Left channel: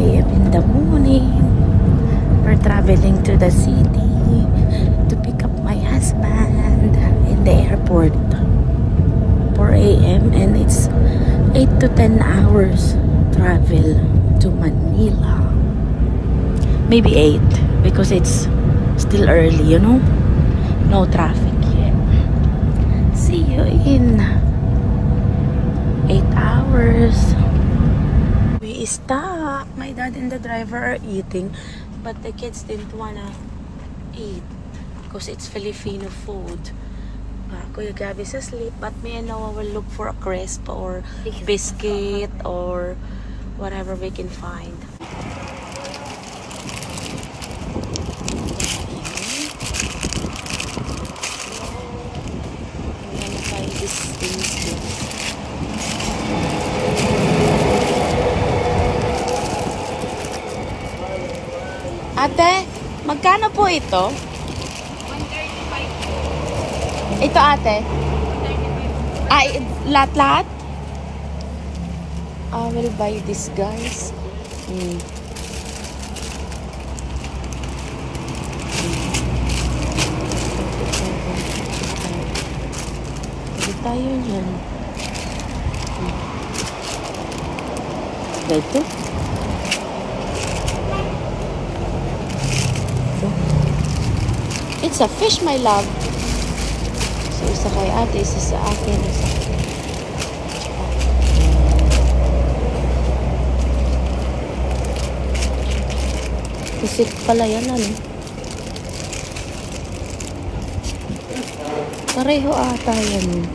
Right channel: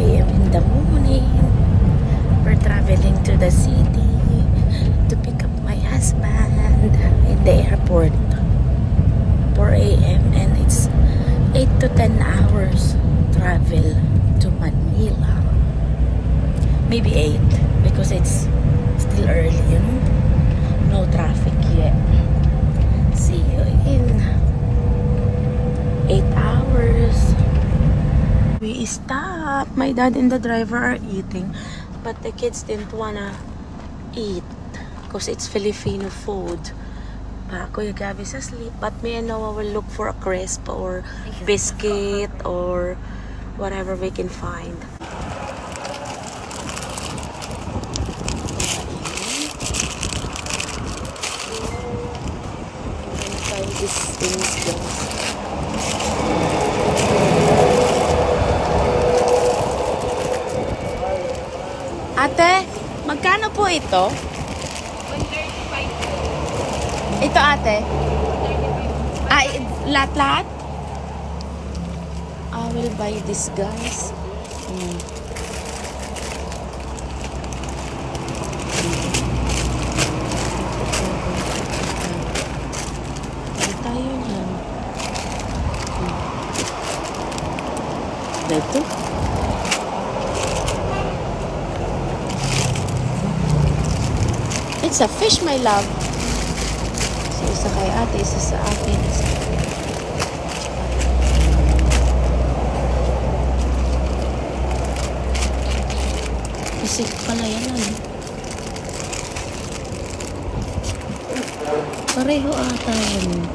a.m. in the morning. We're traveling to the city to pick up my husband in the airport. 4 a.m. and it's 8 to 10 hours travel to Manila. Maybe 8 because it's still early, you know. No traffic yet. See you in 8 hours. We stopped. My dad and the driver are eating, but the kids didn't wanna eat because it's Filipino food. Kuya Gabby's asleep, but me and Noah will look for a crisp or biscuit or whatever we can find. I'm gonna try these things, guys. Ate, magkano po ito? Ito ate? Ay, lahat-lahat? I will buy this, guys. Hindi tayo yan. Ito? It's a fish, my love. So, isa kay ate, isa sa akin. Isa. Kasi pala yan, ano? Pareho ata yan.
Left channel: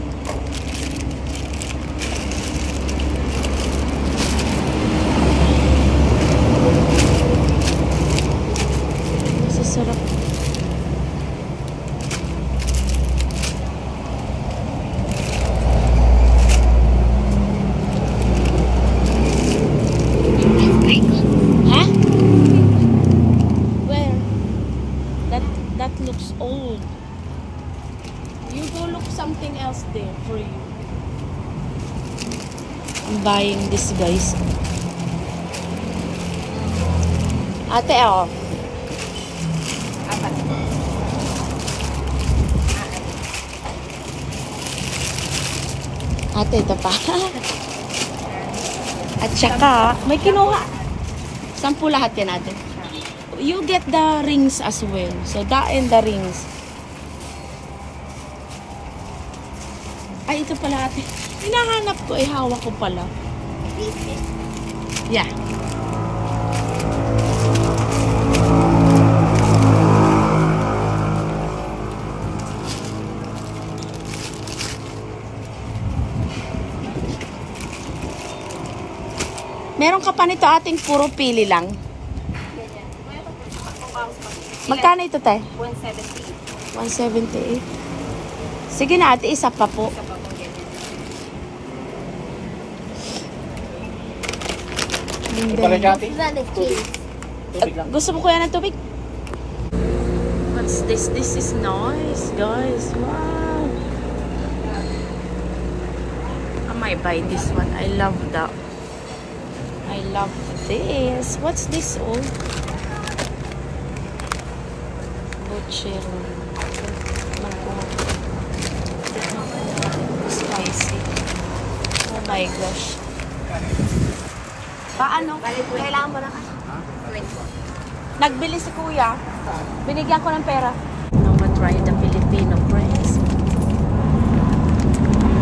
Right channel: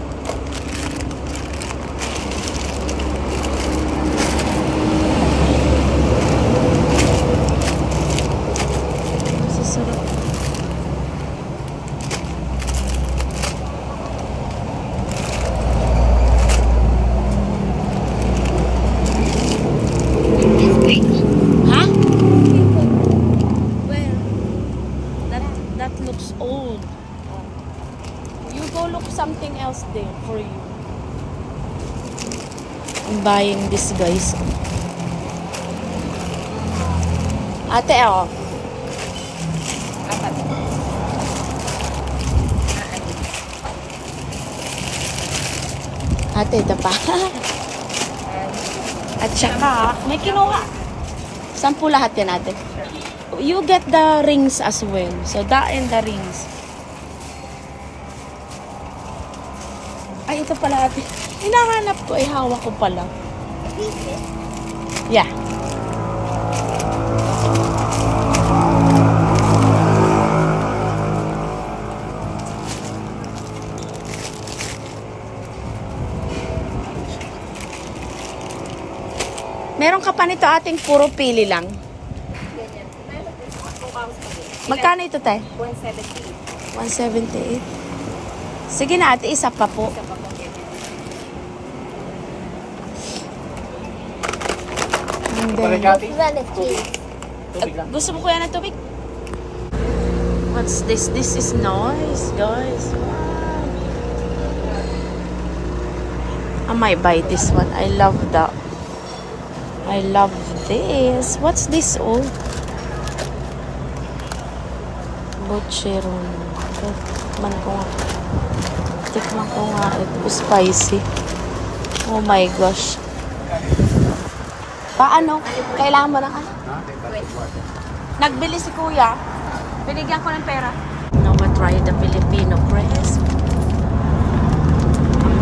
Masasarap. Old. You go look something else there for you. I'm buying this, guys. Ate, oh. Ate, ito pa. At saka, may kinuha. 10 lahat yan, ate. You get the rings as well. So, that and the rings. Ay, ito pala ate. Hinahanap ko. Ay, hawak ko pala. Yeah. Meron ka pa nito ating puro pili lang. Magkano ito, te? 178. 178. Sige na, ate. Isa pa po. Gusto mo kuya ng tubig? What's this? This is nice, guys. Wow. I might buy this one. I love that. I love this. What's this all? Bocheron. Tikman ko nga. Tikman ko nga. Ito spicy. Oh my gosh. Paano? Kailangan mo na ka? Nagbili si kuya. Binigyan ko ng pera. Now we'll try the Filipino crisp.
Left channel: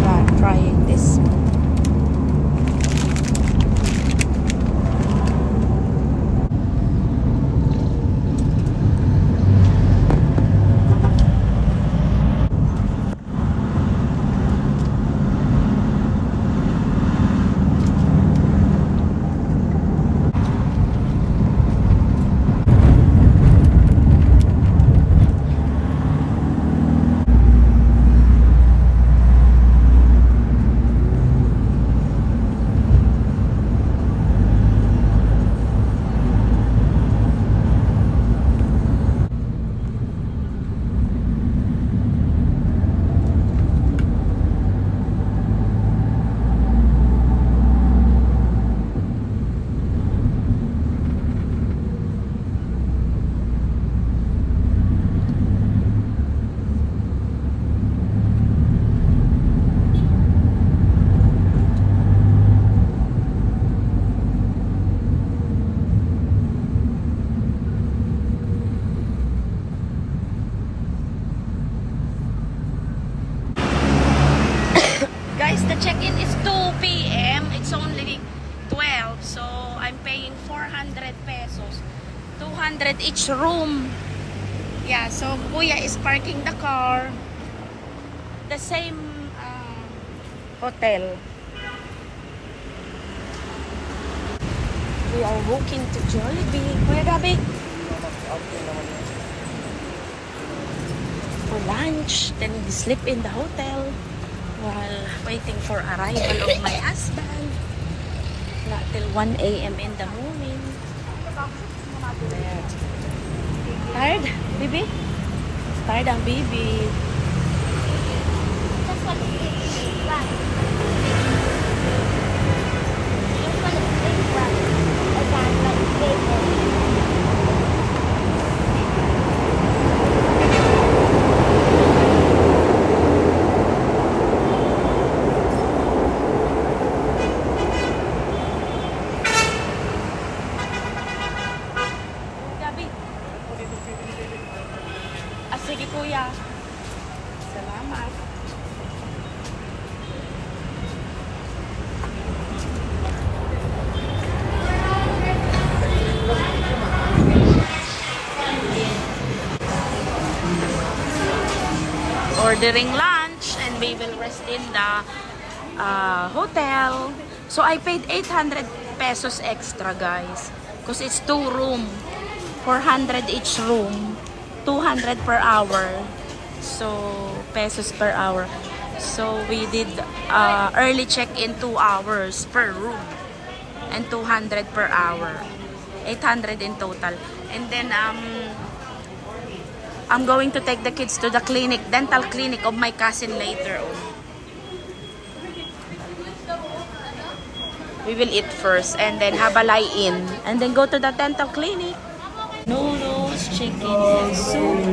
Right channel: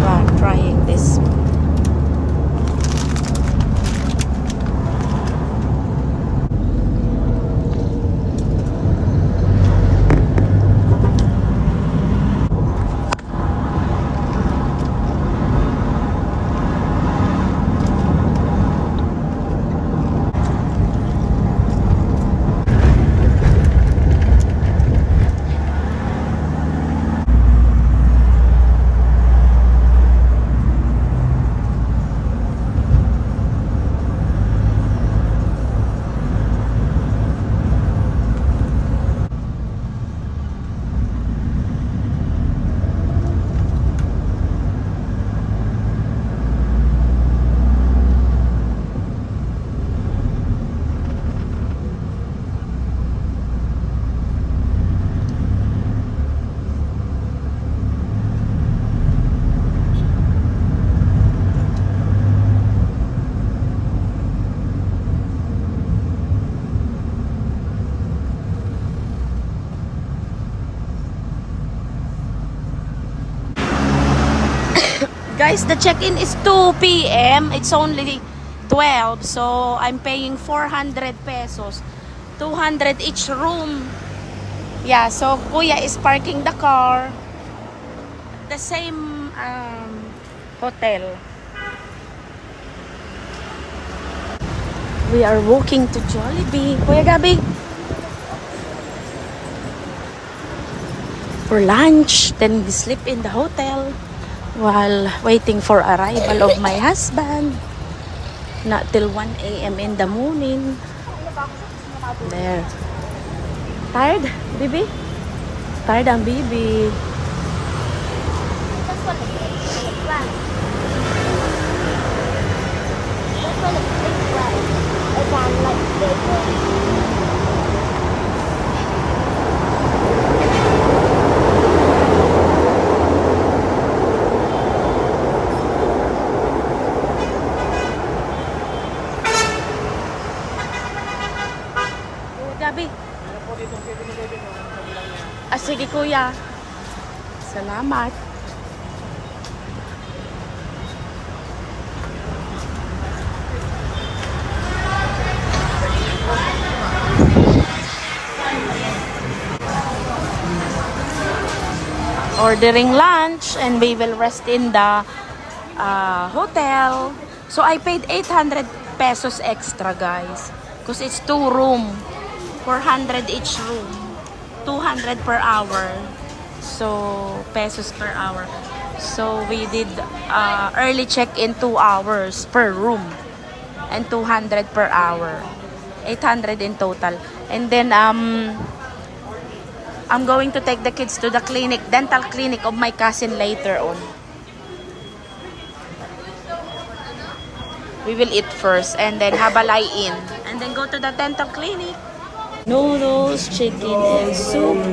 I'm trying this. the check-in is 2 p.m. It's only 12. So, I'm paying 400 pesos. 200 each room. Yeah, so Kuya is parking the car. The same hotel. We are walking to Jollibee. Kuya Gabi. For lunch. Then we sleep in the hotel while waiting for arrival of my husband. Not till 1 a.m. in the morning. There. Tired, baby? Tired ang baby. Gabi. Sige Kuya. Salamat. Ordering lunch and we will rest in the hotel. So I paid 800 pesos extra, guys, because it's 2 room, 400 each room, 200 per hour, so pesos per hour. So we did early check-in 2 hours per room and 200 per hour, 800 in total. And then I'm going to take the kids to the clinic, dental clinic of my cousin later on. We will eat first and then have a lie-in and then go to the dental clinic. Noodles, chicken, and soup.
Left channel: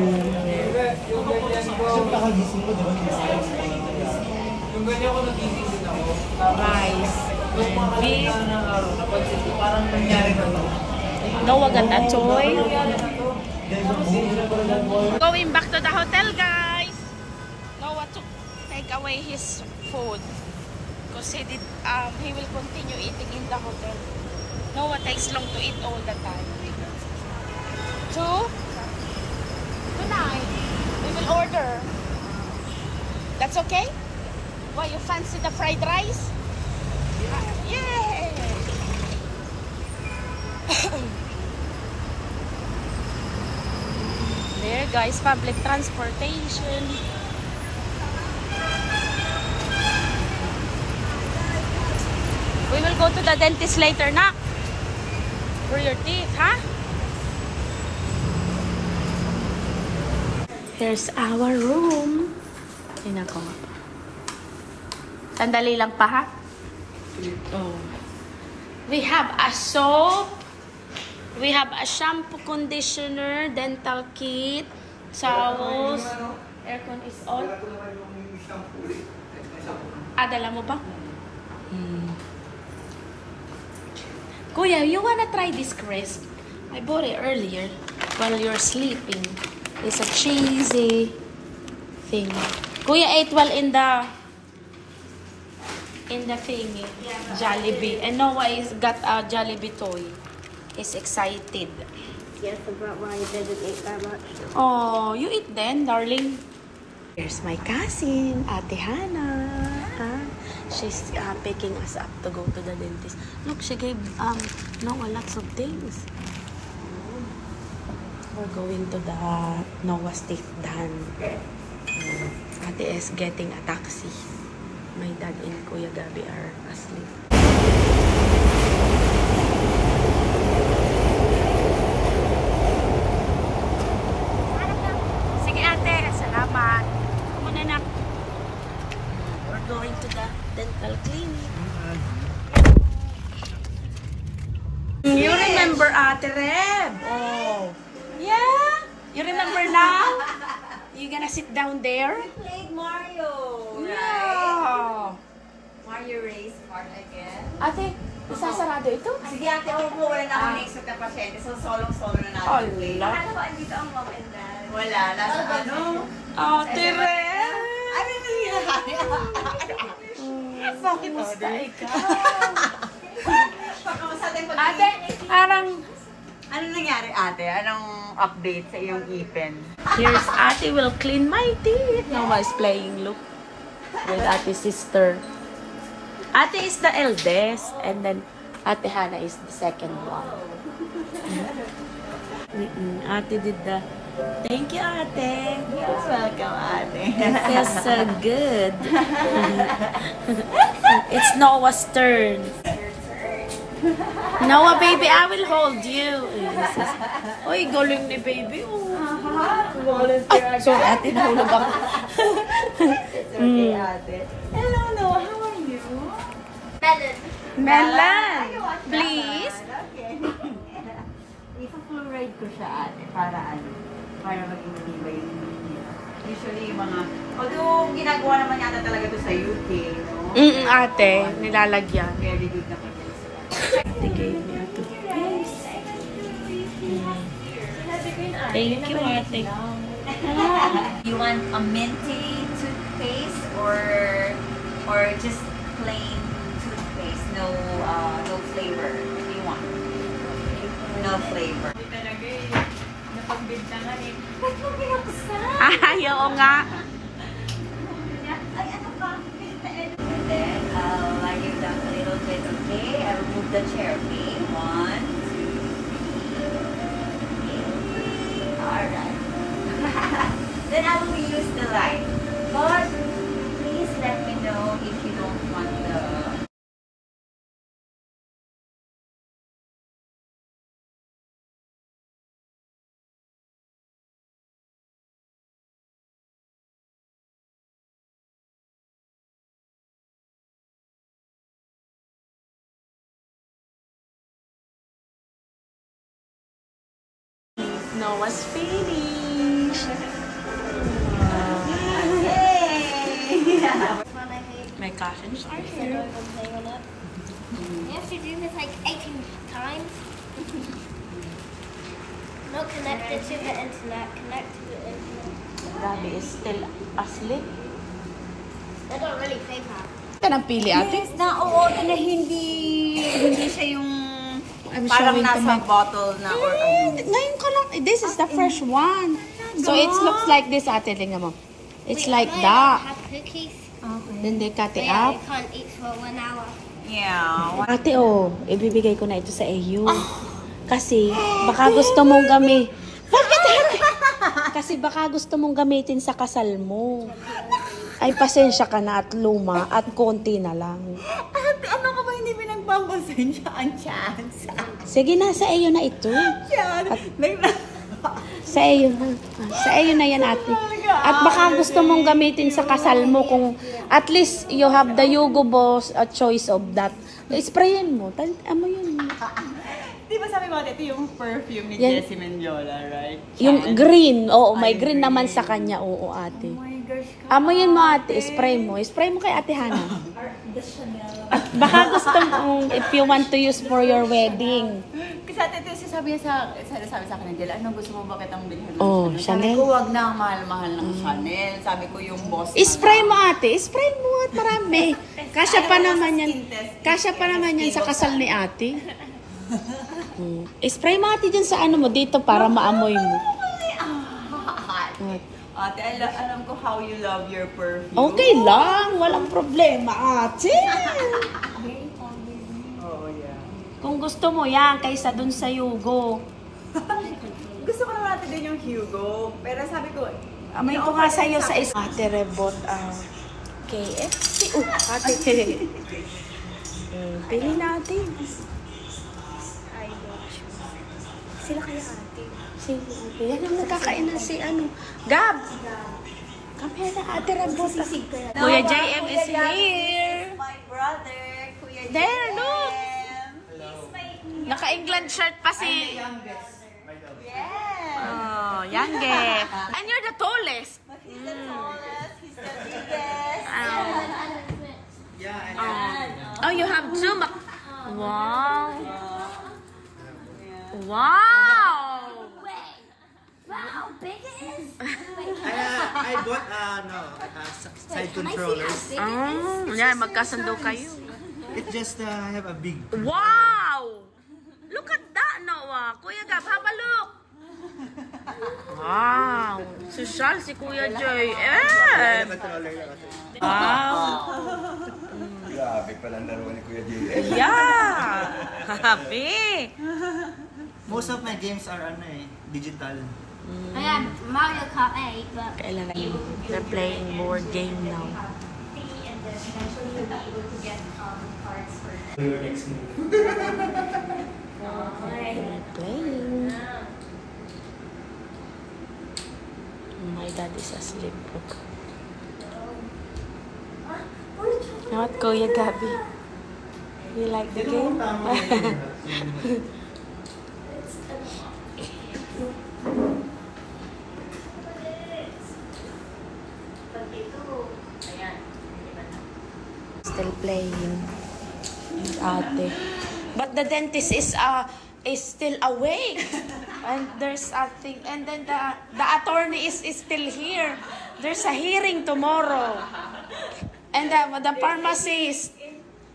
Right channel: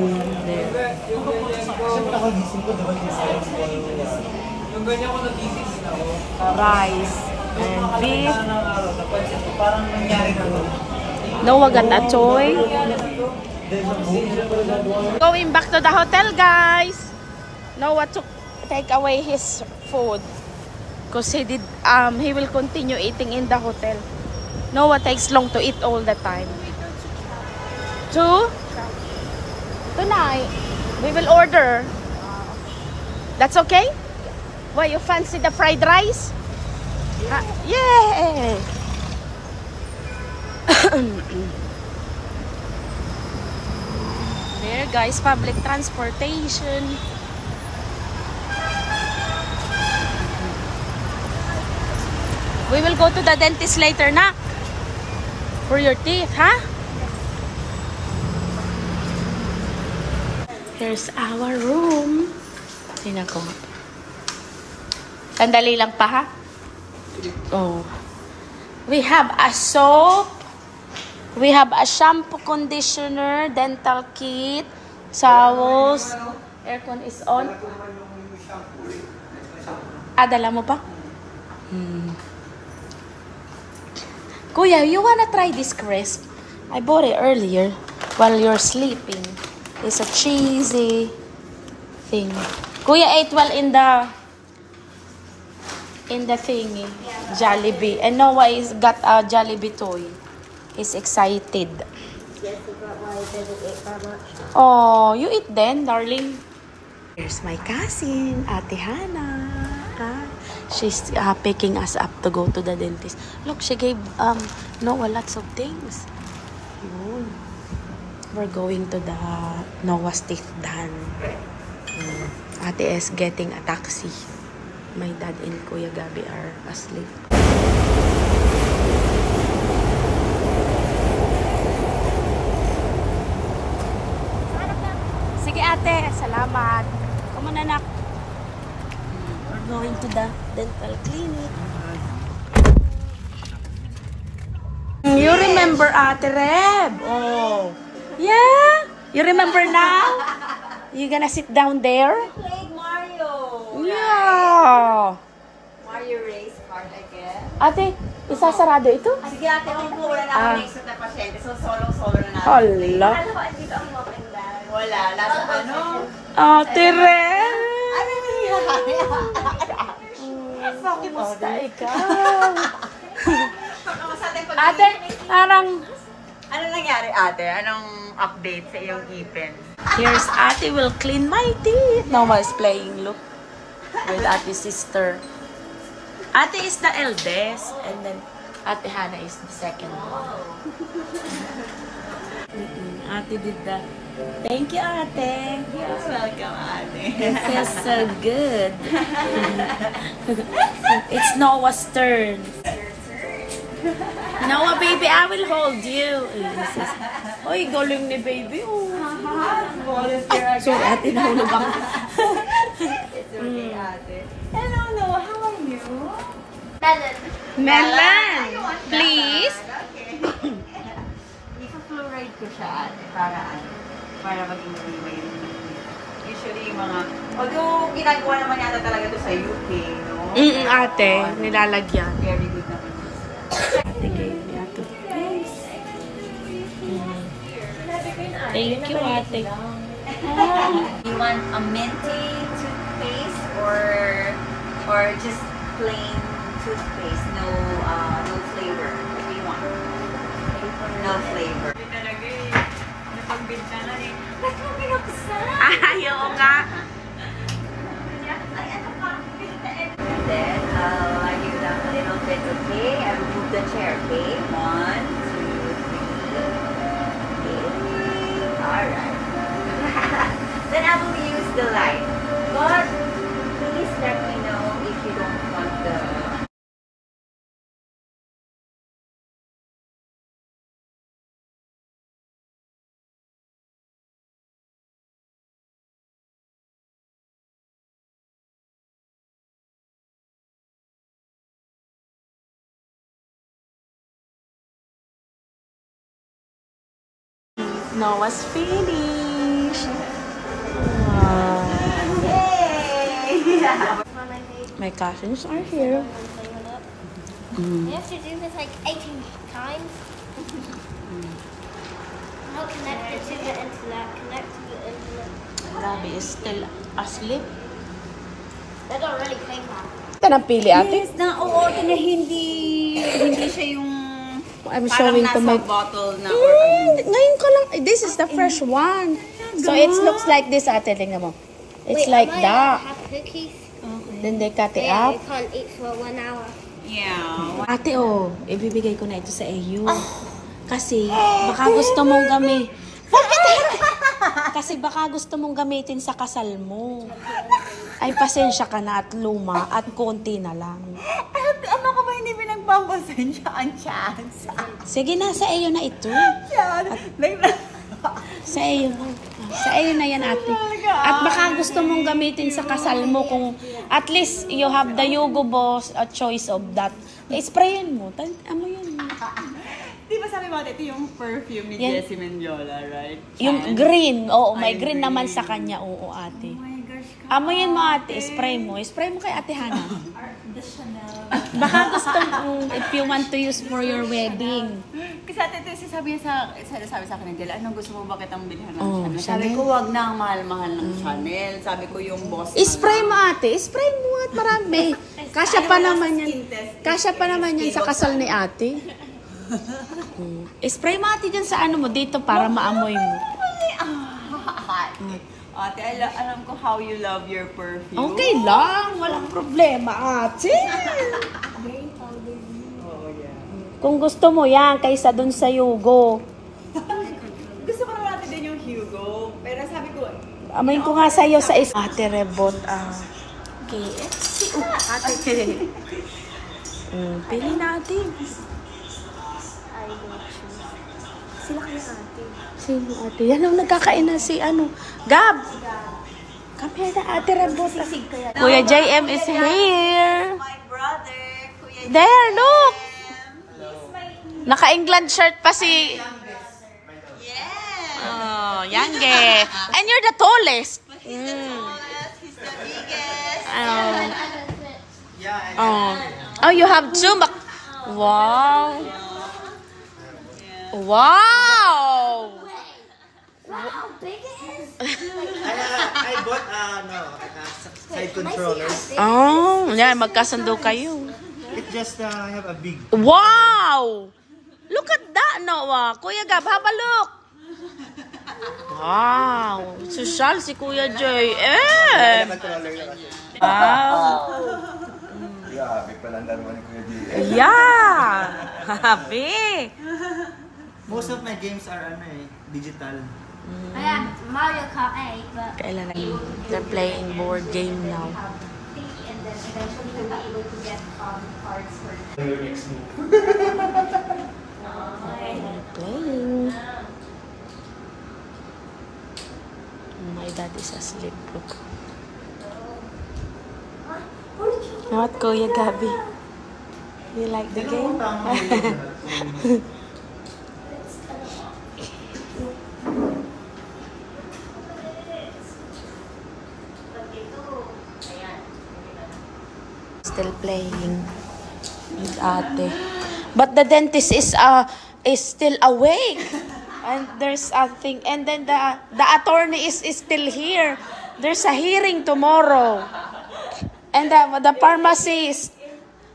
Rice and beef. Noah got a toy. Going back to the hotel, guys. Noah took take away his food because he will continue eating in the hotel. Noah takes long to eat all the time. So tonight we will order. That's okay? Why, you fancy the fried rice? Yeah. There, guys, public transportation. We will go to the dentist later, na? For your teeth, huh? Here's our room. Tingnan ko nga. Sandali lang pa, ha? Oh. We have a soap. We have a shampoo, conditioner, dental kit, towels. Aircon is on. Dala mo pa? Kuya, you wanna try this crisp? I bought it earlier while you're sleeping. It's a cheesy thing. Kuya ate well in the thingy, Jollibee. And Noah is got a Jollibee toy. He's excited. Yeah, I forgot why I didn't eat that much. Oh, you eat then, darling. Here's my cousin, Ate Hannah. She's picking us up to go to the dentist. Look, she gave Noah lots of things. Oh. We're going to the Noah's teeth done. Ate is getting a taxi. My dad and Kuya Gabi are asleep. Sige ate, salamat. Come on, anak. We're going to the dental clinic. You remember Ate Reb? Oh. Yeah? You remember now? You gonna sit down there? I played Mario. Yeah. Mario race card again. Ate, isasarado ito? Sige ate, wala na ako next na pasyente. So solo na natin. Hala. Ano ba, andito ang walk and dine? Wala. Nasa ano? Ate Reb. Ano yung Kamusta ikaw? Ate, parang... Ano nangyari ate? Anong update sa iyong ipin? Here's Ate will clean my teeth. Noah is playing look with Ate's sister. Ate is the eldest, and then Ate Hannah is the second one. Ate did the... Thank you, Ate. You're welcome, ate. It feels so good. It's Noah's turn. Noah, baby, I will hold you. Uy, galing ni baby. Oh, sorry, ate, nahulog ako. Okay, ate. Hello, Noah. How are you? Melon, please. Okay. Ipa-fluoride ko siya, ate, para maging tibay yung nila. Usually, although ginagawa naman yata talaga to sa UK, no? Ate, nilalagyan. Very good naman yun siya. Ate gave me a toothpaste. Thank you, Ate. You want a minty toothpaste or just plain toothpaste? No flavor. What do you want? No flavor. Ayaw nga. And then I give them a little bit, okay? I remove the chair, okay? 1, 2, 3. Okay. Alright. Then I will use the light. But please let me know if you don't want the... Noah's finished. Wow. Yay! My cousins are here. You have to do this like 18 times. Not connected to the internet, connect to the internet. Gabi is still asleep. They don't really pay that. Yan ang pili, ate. Hindi siya yung I'm parang showing to nasa my... bottle na or ano. Ngayon ka lang. This is the fresh one. So it looks like this, ate. Tingnan mo. It's like that. Then they cut it up. They can't eat for 1 hour. Yeah. Ate, oh, ibibigay ko na ito sa iyo. Kasi, baka gusto mong Bakit, ate? Kasi baka gusto mong gamitin sa kasal mo. Ay, pasensya ka na at luma at konti na lang. Ate, ano ka ba hindi pinagpapasensya ang chance? Sige na, sa iyo na ito. Sa iyo na. Sa iyo na yan, ate. At baka gusto mong gamitin sa kasal mo kung at least you have the Yugo Boss a choice of that. Sprayin mo. Ano yun? Di ba sabi mo, ito yung perfume ni Yan. Jessie Mendiola, right? Yung green. Oo, may Ay, green naman green. sa kanya. Oo, ate. Oh my gosh. Amoyin mo, ate. Spray mo. Spray mo kay Ate Hannah. At baka gusto mo, if you want to use for your wedding. Kasi ate, ito sabi sa akin ng Dela, anong gusto mo ba kitang bilhan ng Oh, Chanel? Sabi Chanel? ko, wag na ang mahal-mahal ng Chanel. Sabi ko, yung boss Spray mo, ate. Spray mo at marami. Kasya pa naman yan. Kasya pa naman yan sa kasal ni ate. Spray mo, ate, dyan sa ano mo dito para maamoy mo. Ate, alam ko how you love your perfume. Okay lang. Walang problema, ate. Oh, yeah. Kung gusto mo yan, kaysa dun sa Yugo. Gusto ko naman natin din yung Hugo. Pero sabi ko, Amoy ko nga sa'yo sa Ate Rebot, KFC. Ate. Pili natin. Sila kayo ate. Sige, ate. Yan ang nagkakain na si Gab. Come here na, Ate Rebot. Kuya JM is here. my brother, Kuya There, look. Naka-England shirt pa si... Oh, Yange. And you're the tallest. He's the tallest, he's the biggest. Oh, you have two. Wow. Wow. how big it is? I got side controllers. Oh, yeah, magkasundo kayo. It just have a big. Wow! Look at that, Noah. Kuya Gab, have a look. Wow! Social si Kuya Joy. Wow! Grabe pala ang dalawa ni Kuya Gia. Yeah! Happy! Most of my games are digital. I have Mario Kart 8, but Kailan na they're playing board game now. And then eventually you'll be able to get cards for Your next move. They're playing. My dad is asleep. Look. What, Kuya Gabi? You like the game? Still playing with Ate. But the dentist is still awake. And there's something. And then the attorney is still here. There's a hearing tomorrow. And the pharmacist.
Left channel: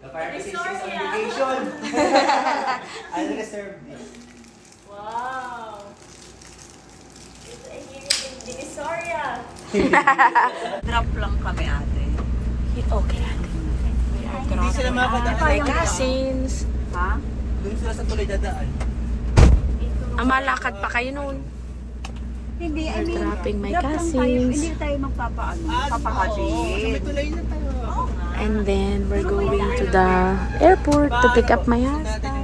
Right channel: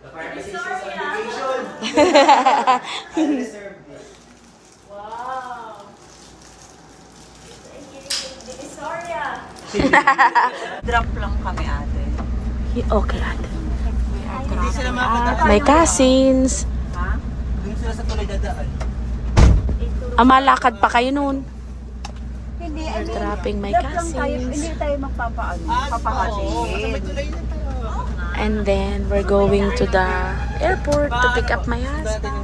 The pharmacist is on vacation. I reserved this. Wow! Divisoria! Drop lang kami, ate. Okay, Ate. We are dropping out. My cousins. Ha? Doon sila sa tuloy dadaan. Malakad pa kayo noon. Hindi, We're dropping my drop lang tayo. cousins. Hindi tayo magpapahatid. And then we're going to the airport to pick up my husband.